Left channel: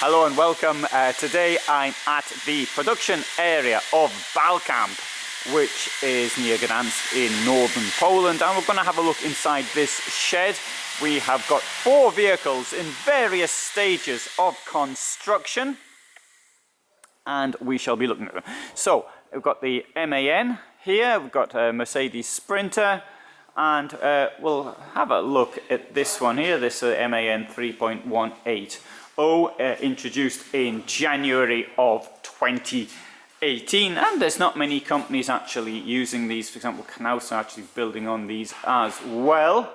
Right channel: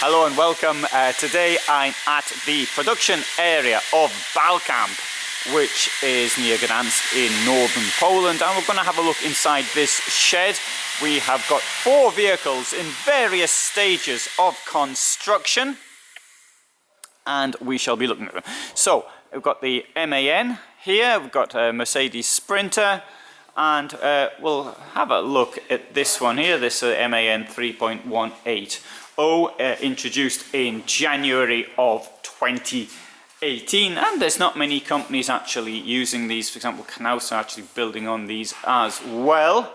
Hello and welcome. Today I'm at the production area of Balcamp, which is near Gdansk in northern Poland, and we're going to have a look inside this shed. We have got 4 vehicles in various stages of construction, and we shall be looking at them. So we've got the MAN here, we've got a Mercedes Sprinter, and we'll have a look at this one here, this MAN 3.18. Introduced in January of 2018, and there's not many companies actually using these. For example, Knaus are actually building on these as well.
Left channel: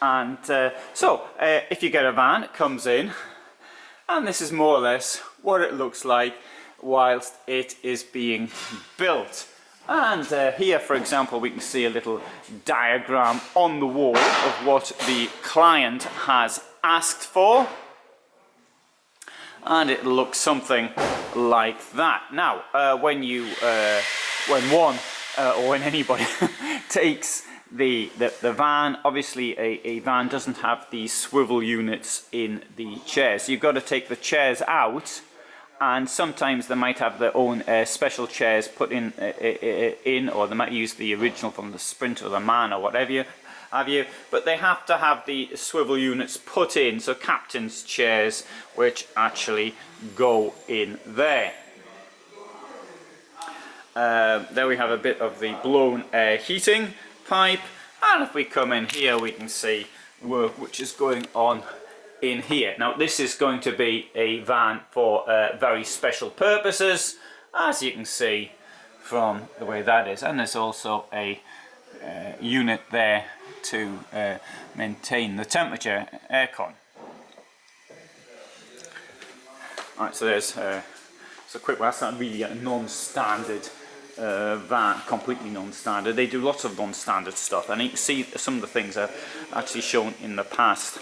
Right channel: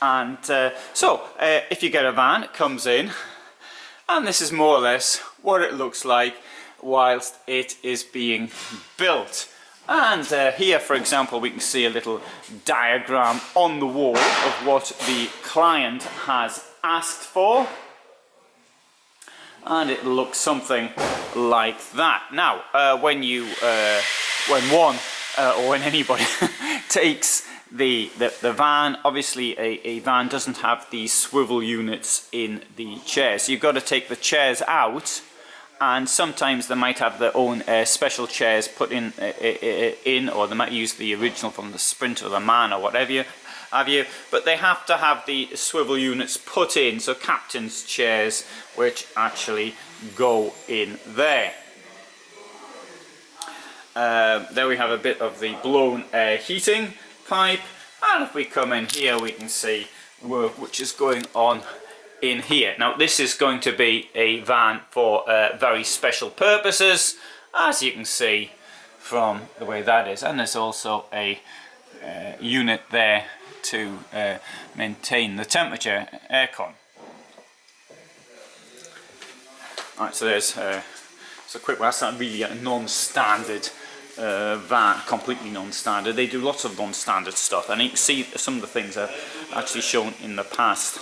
And if you get a van, it comes in, and this is more or less what it looks like whilst it is being built. And here, for example, we can see a little diagram on the wall of what the client has asked for. And it looks something like that. Now, when anybody takes the van, obviously a van doesn't have these swivel units in the chairs. So you've got to take the chairs out, and sometimes they might have their own special chairs put in, or they might use the original from the Sprinter or the MAN or whatever but they have to have the swivel units put in, so captain's chairs which actually go in there. There we have a bit of the blown air heating pipe, and if we come in here we can see work which is going on in here. Now this is going to be a van for very special purposes, as you can see from the way that is, and there's also a unit there to maintain the temperature, aircon. Alright, so there's so quick. Well, that's not really a non-standard van, completely non-standard. They do lots of non-standard stuff, and you can see some of the things are actually shown in the past.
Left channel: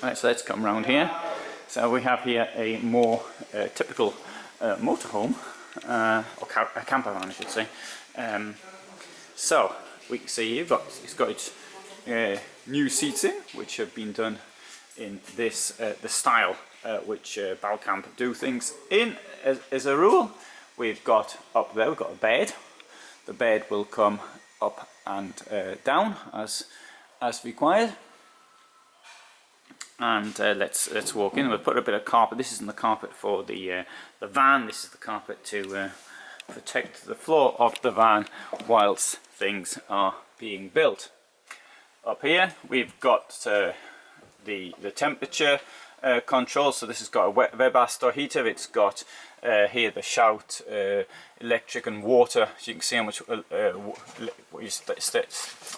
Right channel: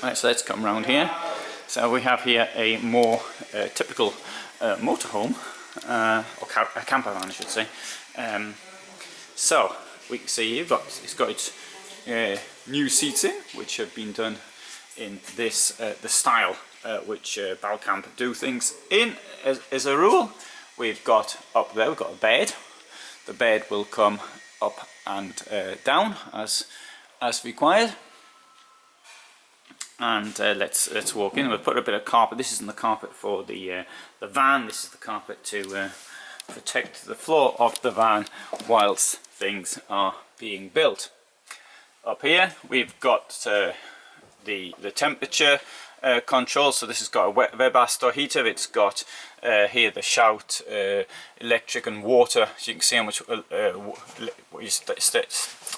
Right, so let's come round here. So we have here a more typical motorhome, or a camper van, I should say. So we can see here it's got its new seats in, which have been done in this the style which Balcamp do things in as a rule. We've got up there, we've got a bed. The bed will come up and down as required. And let's walk in. We'll put a bit of carpet. This isn't the carpet for the van. This is the carpet to protect the floor of the van whilst things are being built. Up here we've got the temperature control. So this has got a Webasto heater. It's got here the Shout electric and water. So you can see how much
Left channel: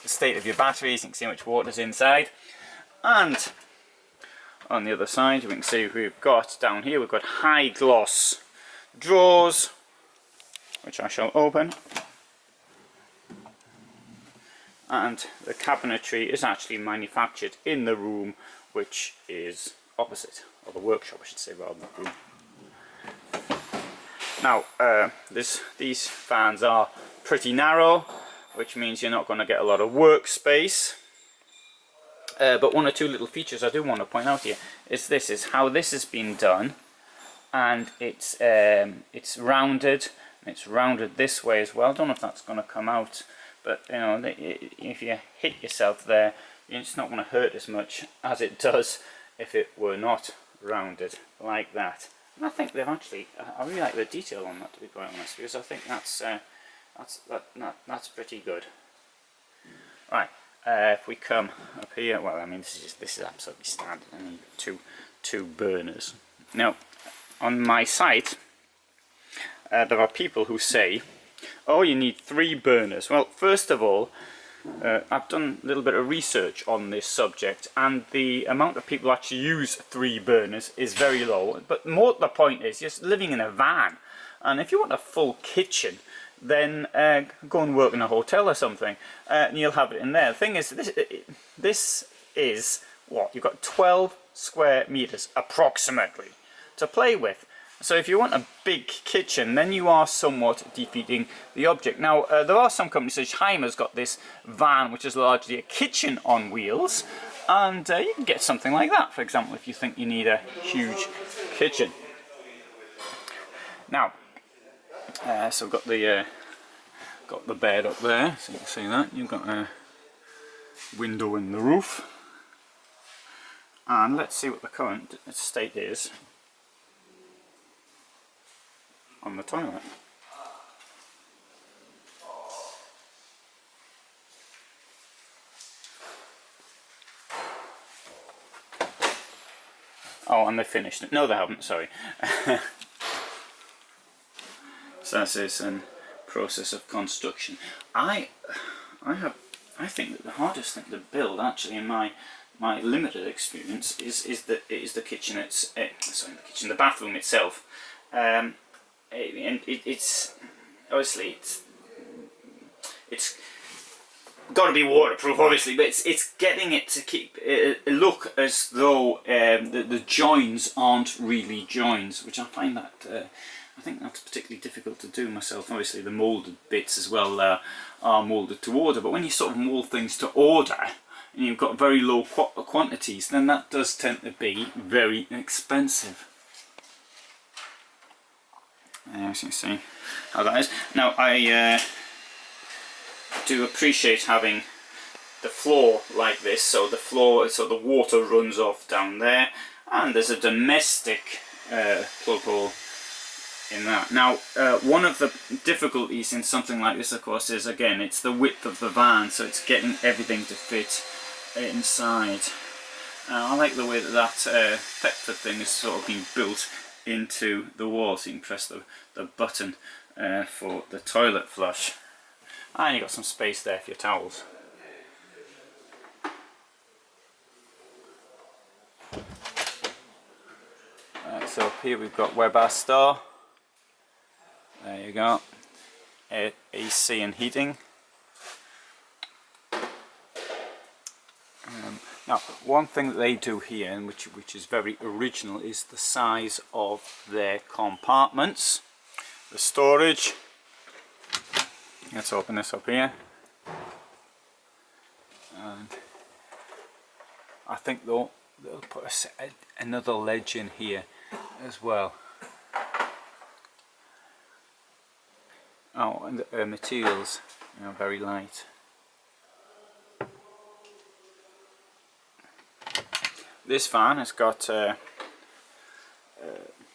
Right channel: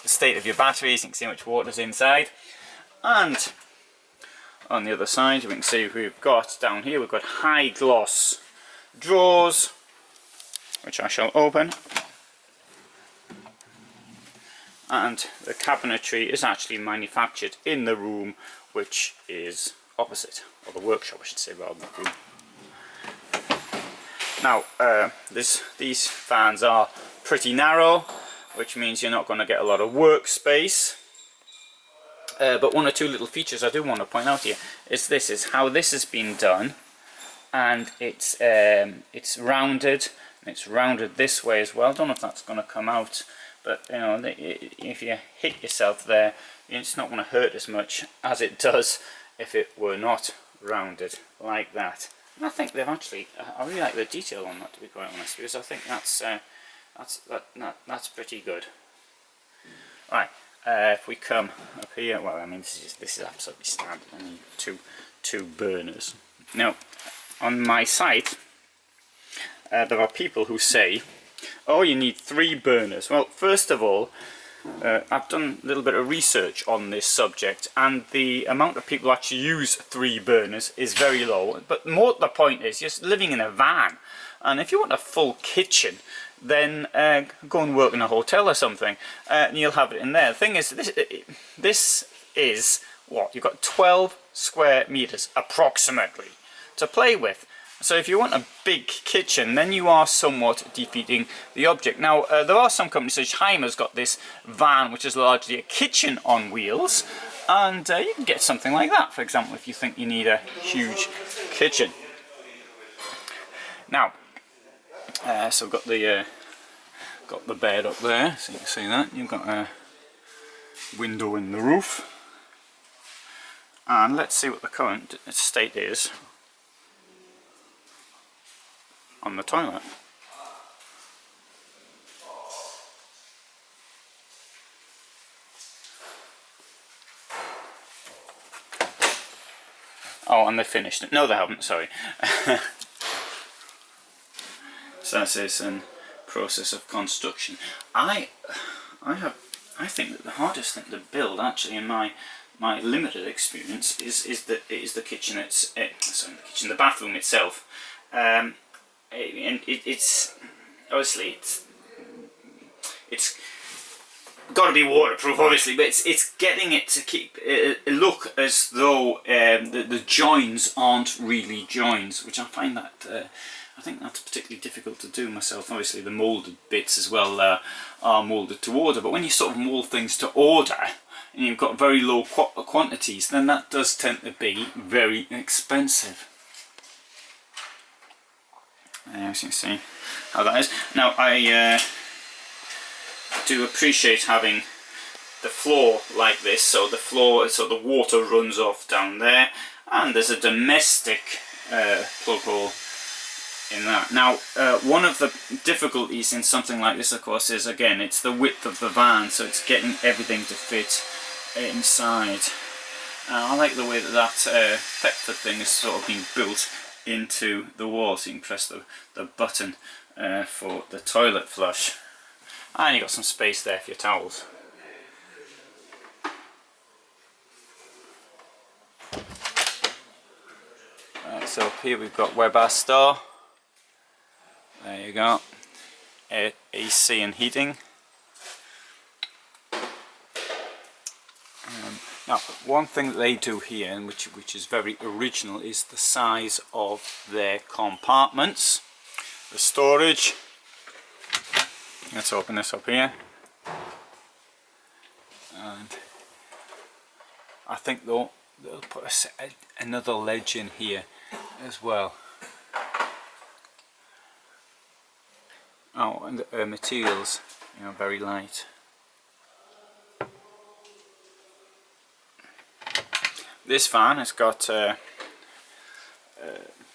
state of your batteries. You can see how much water's inside. And on the other side we can see we've got down here we've got high gloss drawers, which I shall open, and the cabinetry is actually manufactured in the room which is opposite, or the workshop I should say, rather than the room. Now these fans are pretty narrow, which means you're not going to get a lot of workspace. But one or two little features I do want to point out here is how this has been done, and it's rounded, and it's rounded this way as well. I don't know if that's going to come out, but you know, if you hit yourself there, it's not going to hurt as much as it does if it were not rounded like that. And I think they've actually, I really like the detail on that, to be quite honest, because I think that's pretty good. Right. If we come up here, well, I mean, this is absolutely standard. I need two burners. Now, on my site, there are people who say, "Oh, you need 3 burners." Well, first of all, I've done a little bit of research on this subject, and the amount of people who actually use 3 burners is very low. But more the point is, you're living in a van, and if you want a full kitchen, then go and work in a hotel or something, and you'll have it in there. The thing is, this is what? You've got 12 square meters approximately to play with. So if you want a big kitchen, then you are somewhat defeating the object. Now, there are some companies, such as Heimer's got this van, which is largely a kitchen on wheels, and you can get something like that, for example, if you think you need a huge kitchen. Now, so we've got the bed up there, so you can see that. You've got a window in the roof, and let's see what the current state is on the toilet. Oh, and they finished it. No, they haven't, sorry. So this is in process of construction. I think that the hardest thing to build, actually, in my limited experience, is the kitchen. The bathroom itself. And it's obviously it's got to be waterproof, obviously, but it's getting it to keep it look as though the joins aren't really joins, which I find that I think that's particularly difficult to do myself. Obviously, the moulded bits as well are moulded to order, but when you sort of mould things to order and you've got very low quantities, then that does tend to be very expensive. As you can see how that is. Now, I do appreciate having the floor like this, so the water runs off down there, and there's a domestic plug hole in that. Now, one of the difficulties in something like this, of course, is again it's the width of the van, so it's getting everything to fit inside. I like the way that Thetford thing is sort of being built into the wall, so you can press the button for the toilet flush, and you've got some space there for your towels. So up here we've got Webasto. There you go. AC and heating. Now, one thing that they do here, and which is very original, is the size of their compartments. The storage. Let's open this up here. And I think they'll put another ledge in here as well. Oh, and the materials, very light. This van has got going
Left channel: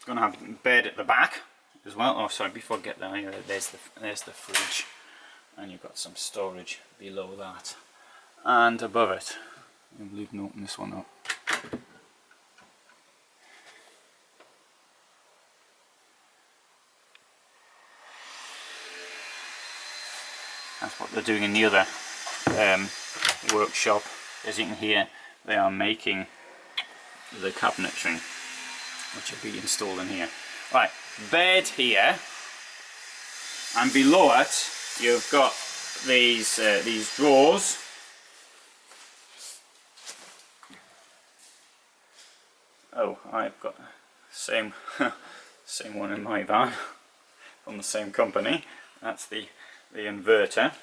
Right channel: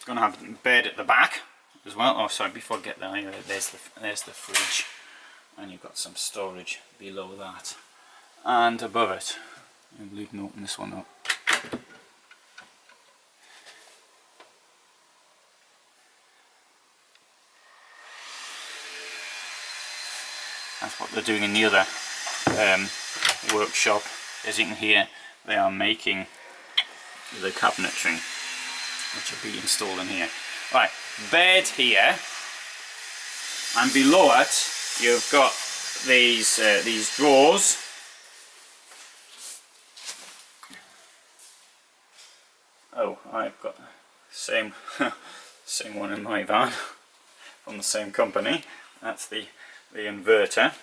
to have a bed at the back as well. Oh, sorry, before I get there, there's the fridge, and you've got some storage below that, and above it. I'll leave and open this one up. That's what they're doing in the other workshop. As you can hear, they are making the cabinetry, which will be installed in here. Right, bed here, and below it you've got these drawers. Oh, I've got the same same one in my van from the same company. That's the inverter.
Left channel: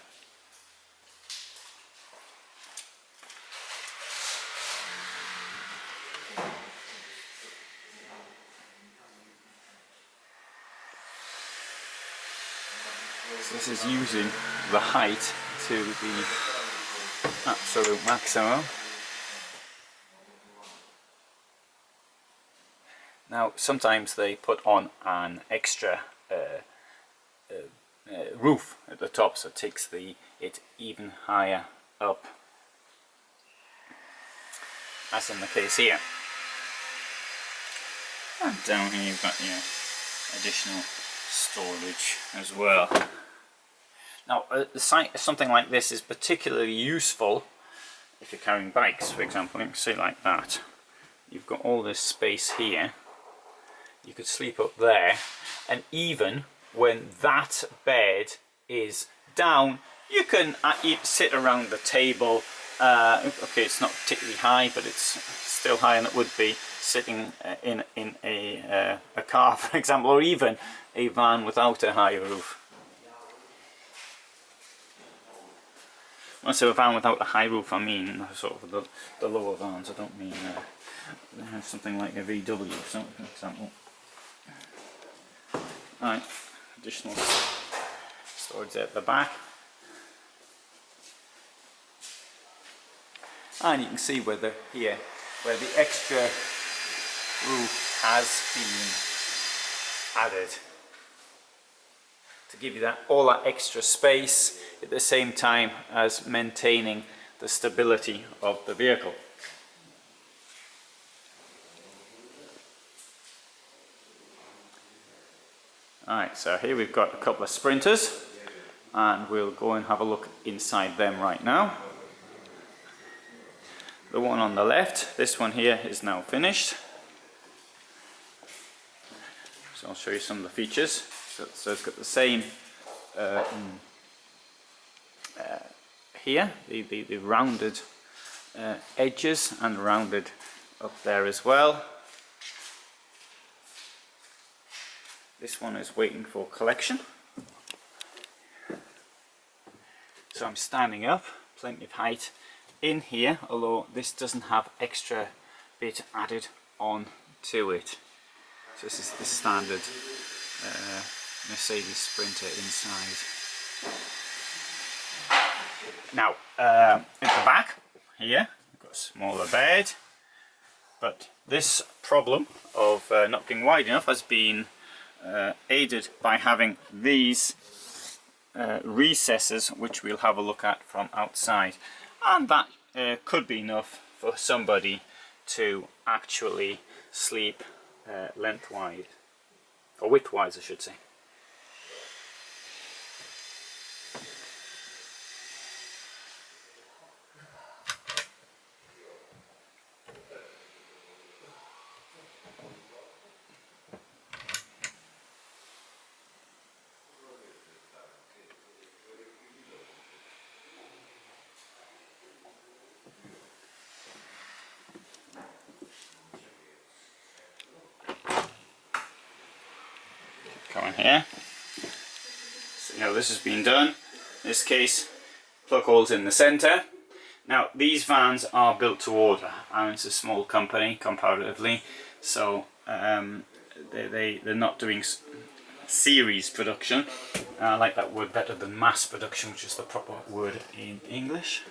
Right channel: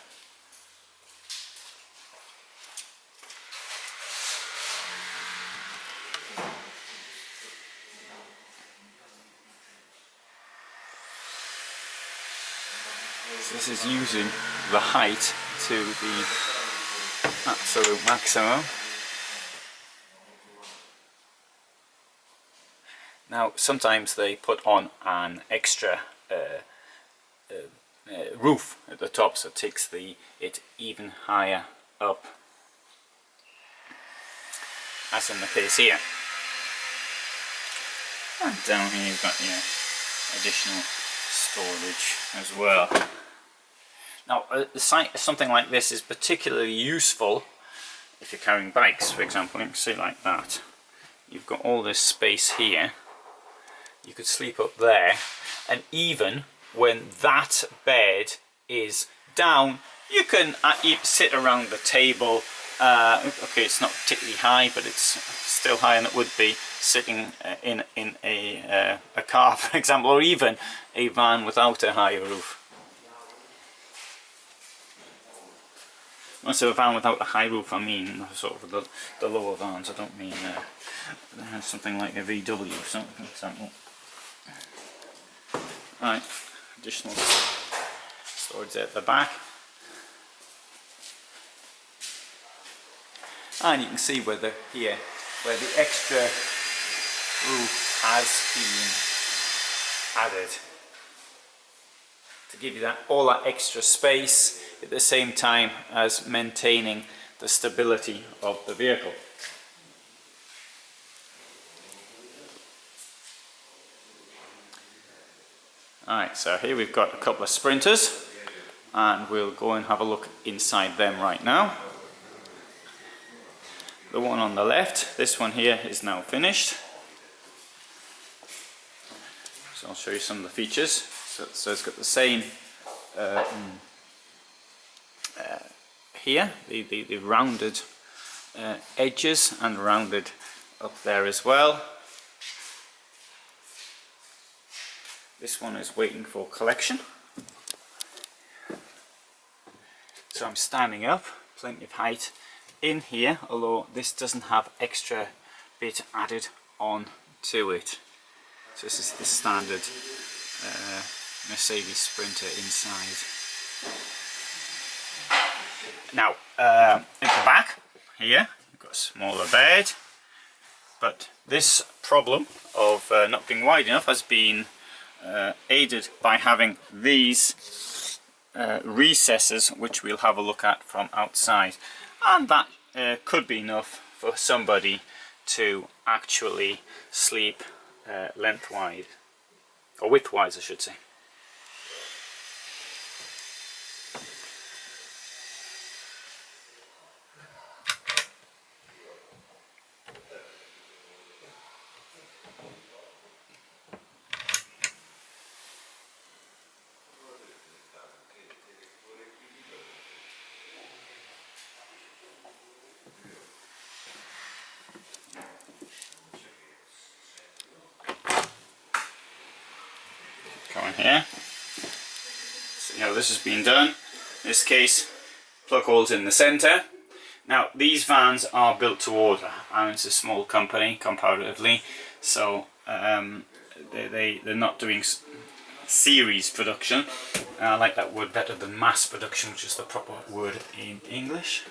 So this is using the height to the absolute maximum. Now, sometimes they put on an extra roof at the top, so it takes it even higher up, as in the case here. And down here you've got your additional storage as well. Now, something like this is particularly useful if you're carrying bikes, for example. You can see like that. You've got all this space here. You could sleep up there, and even when that bed is down, you can sit around the table. Okay, it's not particularly high, but it's still higher than it would be sitting in a car, for example, or even a van without a higher roof. When I say a van without a high roof, I mean sort of the lower vans. I don't mean something like a VW, for example. Right, additional storage there at the back. And you can see where the extra roof has been added to give you all that extra space at the same time as maintaining the stability of the vehicle. Alright, so here we've got a couple of Sprinters, and we'll go and have a look inside them right now. The one on the left, this one here, is now finished. So I'll show you some of the features. So it's got the same here, the rounded edges, and rounded up there as well. This one is waiting for collection. So I'm standing up, plenty of height in here, although this doesn't have extra bit added on to it. So this is the standard Mercedes Sprinter inside. Now, at the back here, you've got a smaller bed, but this problem of not being wide enough has been aided by having these recesses, which we'll have a look at from outside, and that could be enough for somebody to actually sleep lengthwise, or widthwise I should say. Coming here, so now this has been done. In this case, plug holes in the centre. Now these vans are built to order, and it's a small company comparatively, so they're not doing series production. I like that word better than mass production, which is the proper word in English.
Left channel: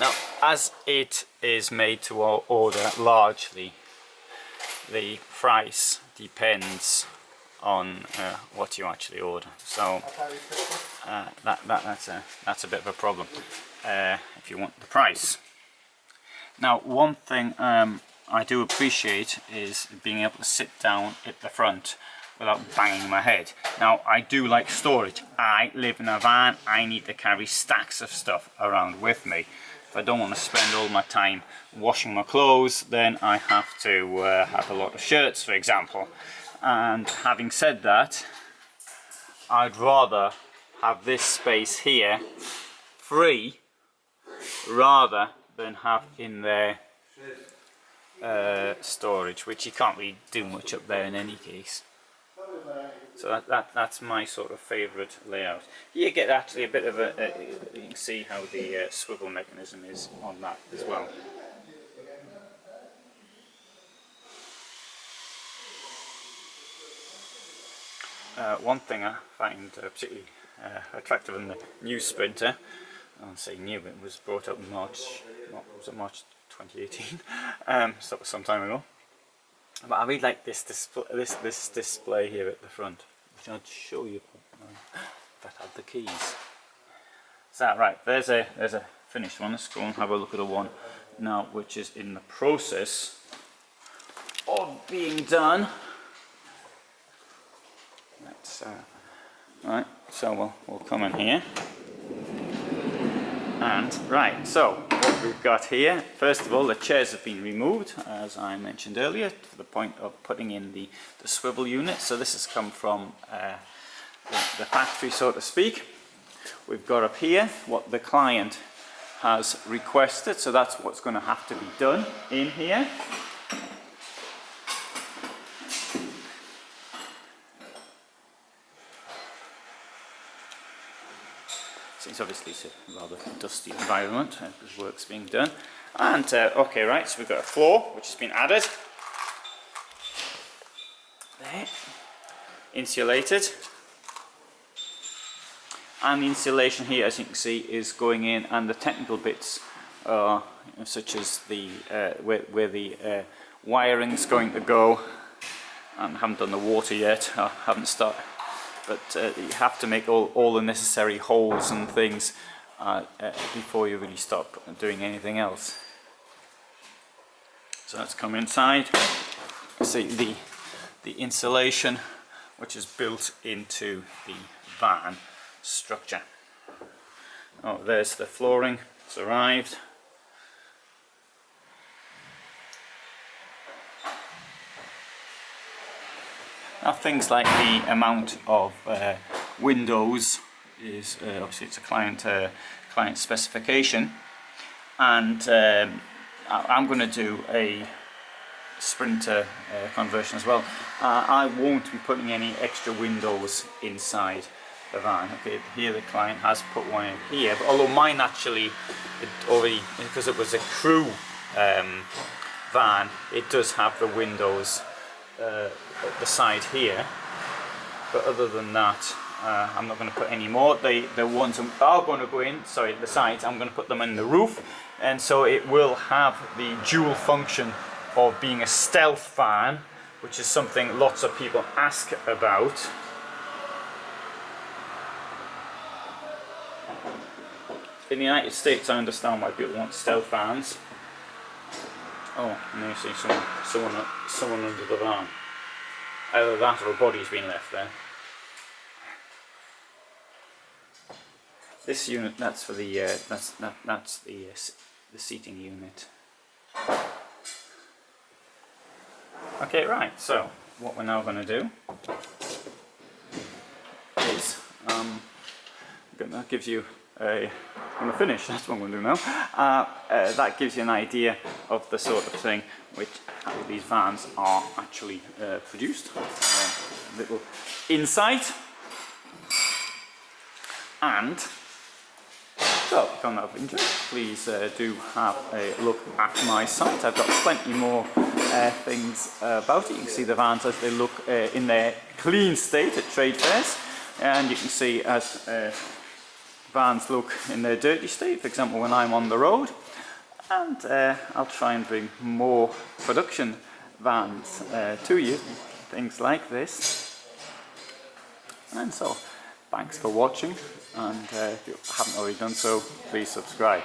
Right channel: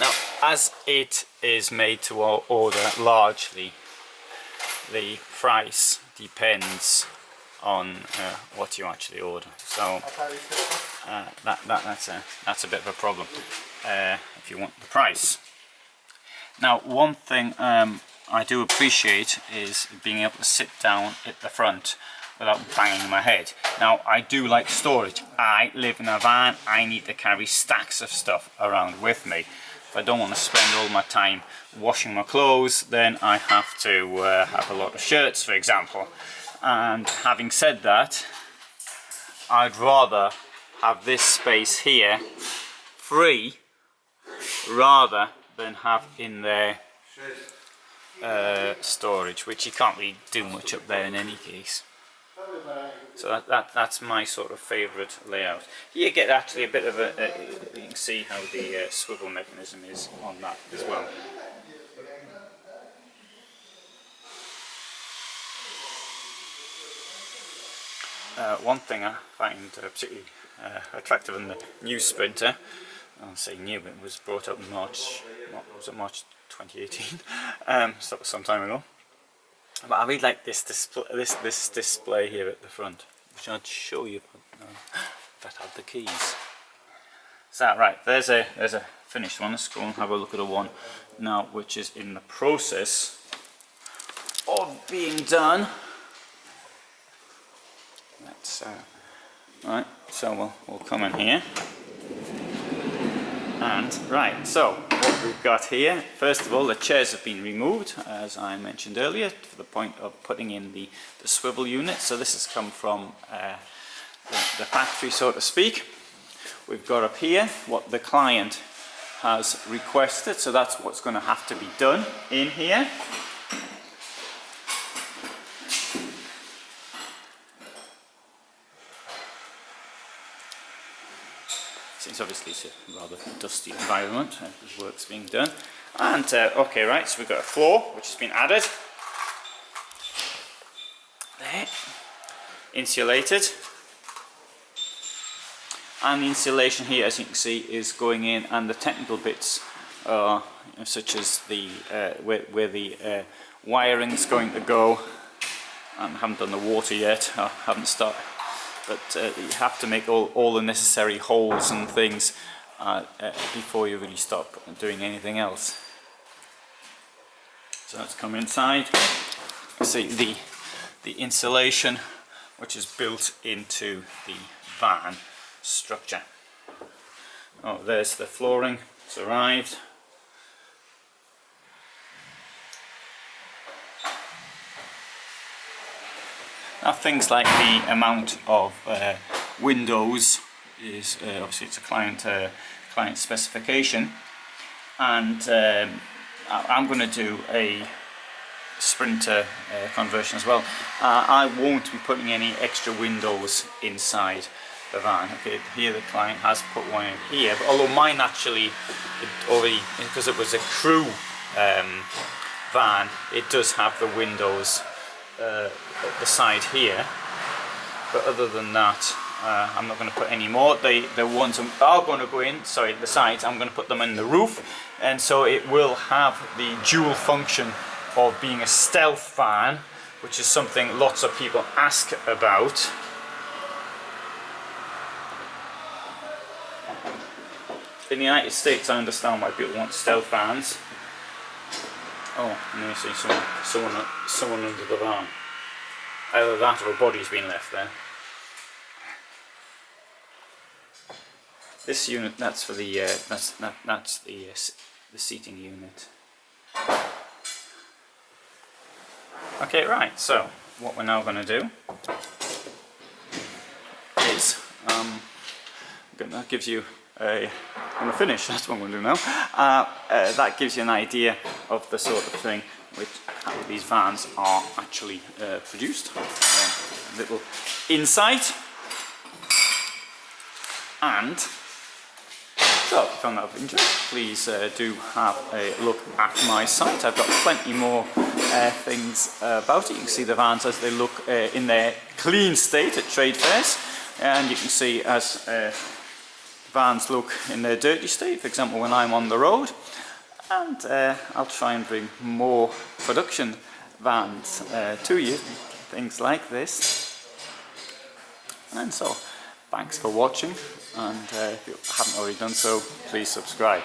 Now, as it is made to order largely, the price depends on what you actually order. So that's a bit of a problem if you want the price. Now, one thing I do appreciate is being able to sit down at the front without banging my head. Now, I do like storage. I live in a van. I need to carry stacks of stuff around with me. If I don't want to spend all my time washing my clothes, then I have to have a lot of shirts, for example. And having said that, I'd rather have this space here free rather than have in there storage, which you can't really do much up there in any case. So that's my sort of favourite layout. You get actually a bit of you can see how the swivel mechanism is on that as well. One thing I find particularly attractive in the new Sprinter, I'll say new, it was brought up in March 2018, so that was some time ago. But I really like this display here at the front, which I'd show you if I had the keys. So right, there's a finished one. Let's go and have a look at a one now, which is in the process of of being done. Let's, right, so we'll come in here. And right, so what we've got here, first of all, the chairs have been removed, as I mentioned earlier, for the point of putting in the swivel unit. So this has come from the factory, so to speak. We've got up here what the client has requested, so that's what's going to have to be done in here. It's obviously a rather dusty environment, the work's being done. And okay, right, so we've got a floor which has been added. There, insulated. And the insulation here, as you can see, is going in, and the technical bits are such as the where the wiring's going to go. I haven't done the water yet, I haven't started. But you have to make all the necessary holes and things before you really start doing anything else. So let's come inside. See the insulation which is built into the van structure. Oh, there's the flooring, it's arrived. Now things like the amount of windows is obviously it's a client specification, and I'm going to do a Sprinter conversion as well. I won't be putting any extra windows inside the van. Okay, here the client has put one in here, but although mine actually already, because it was a crew van, it does have the windows at the side here, but other than that I'm not going to put any more. The ones are going to go in, sorry, the sides, I'm going to put them in the roof, and so it will have the dual function of being a stealth van, which is something lots of people ask about. In the United States I understand why people want stealth vans. Oh, and you see someone under the van. Either that or a body's been left there. This unit, that's for the that's the seating unit. Okay, right. So what we're now going to do is that gives you a. I'm going to finish. That's what I'm going to do now. That gives you an idea of the sort of thing which how these vans are actually produced. Little insight. And so, if you found that of interest, please do have a look at my site. I've got plenty more things about it. You can see the vans as they look in their clean state at trade fairs, and you can see as vans look in their dirty state, for example when I'm on the road. And I'll try and bring more production vans to you, things like this. And so, thanks for watching, and if you haven't already done so, please subscribe.